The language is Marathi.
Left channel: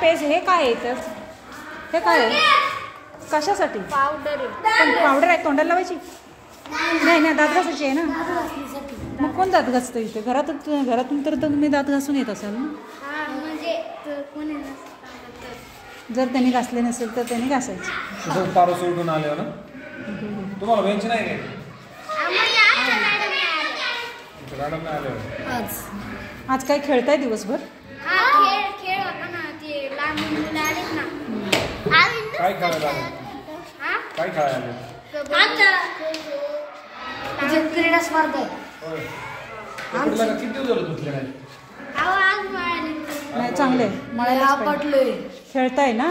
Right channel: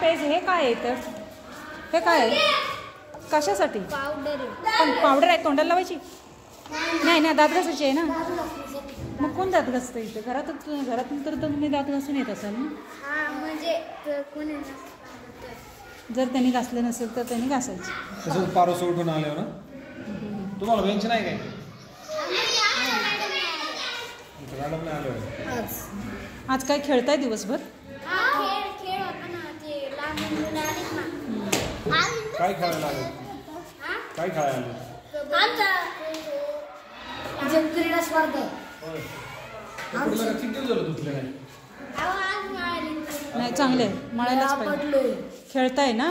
पेज हे काय आहे तर हे काय आहे कशासाठी पावडर पण पावडर आहे तोंडाला लावायची नाही ना दात घासायची आहे ना मग कोण दात घासतो इथे घरातून तर तुम्ही दात घासून येत असाल ना म्हणजे जर त्यांनी घासले नसेल तर त्यांनी घासायचे तसंच पारो सोडून आले ना तुम्हाला बेंच नाही काय मॅडम नाही आले आज काय खेळताय दिवसभर खेळ होता ना ते लहान मुलं आलेत ना काय खेळायला आले काय खेळायला आले क्रीडा स्पर्धा किती दिवस झालं तुझल्या काय नाही चांगले मळायलाच पाहिजे खेळताय ना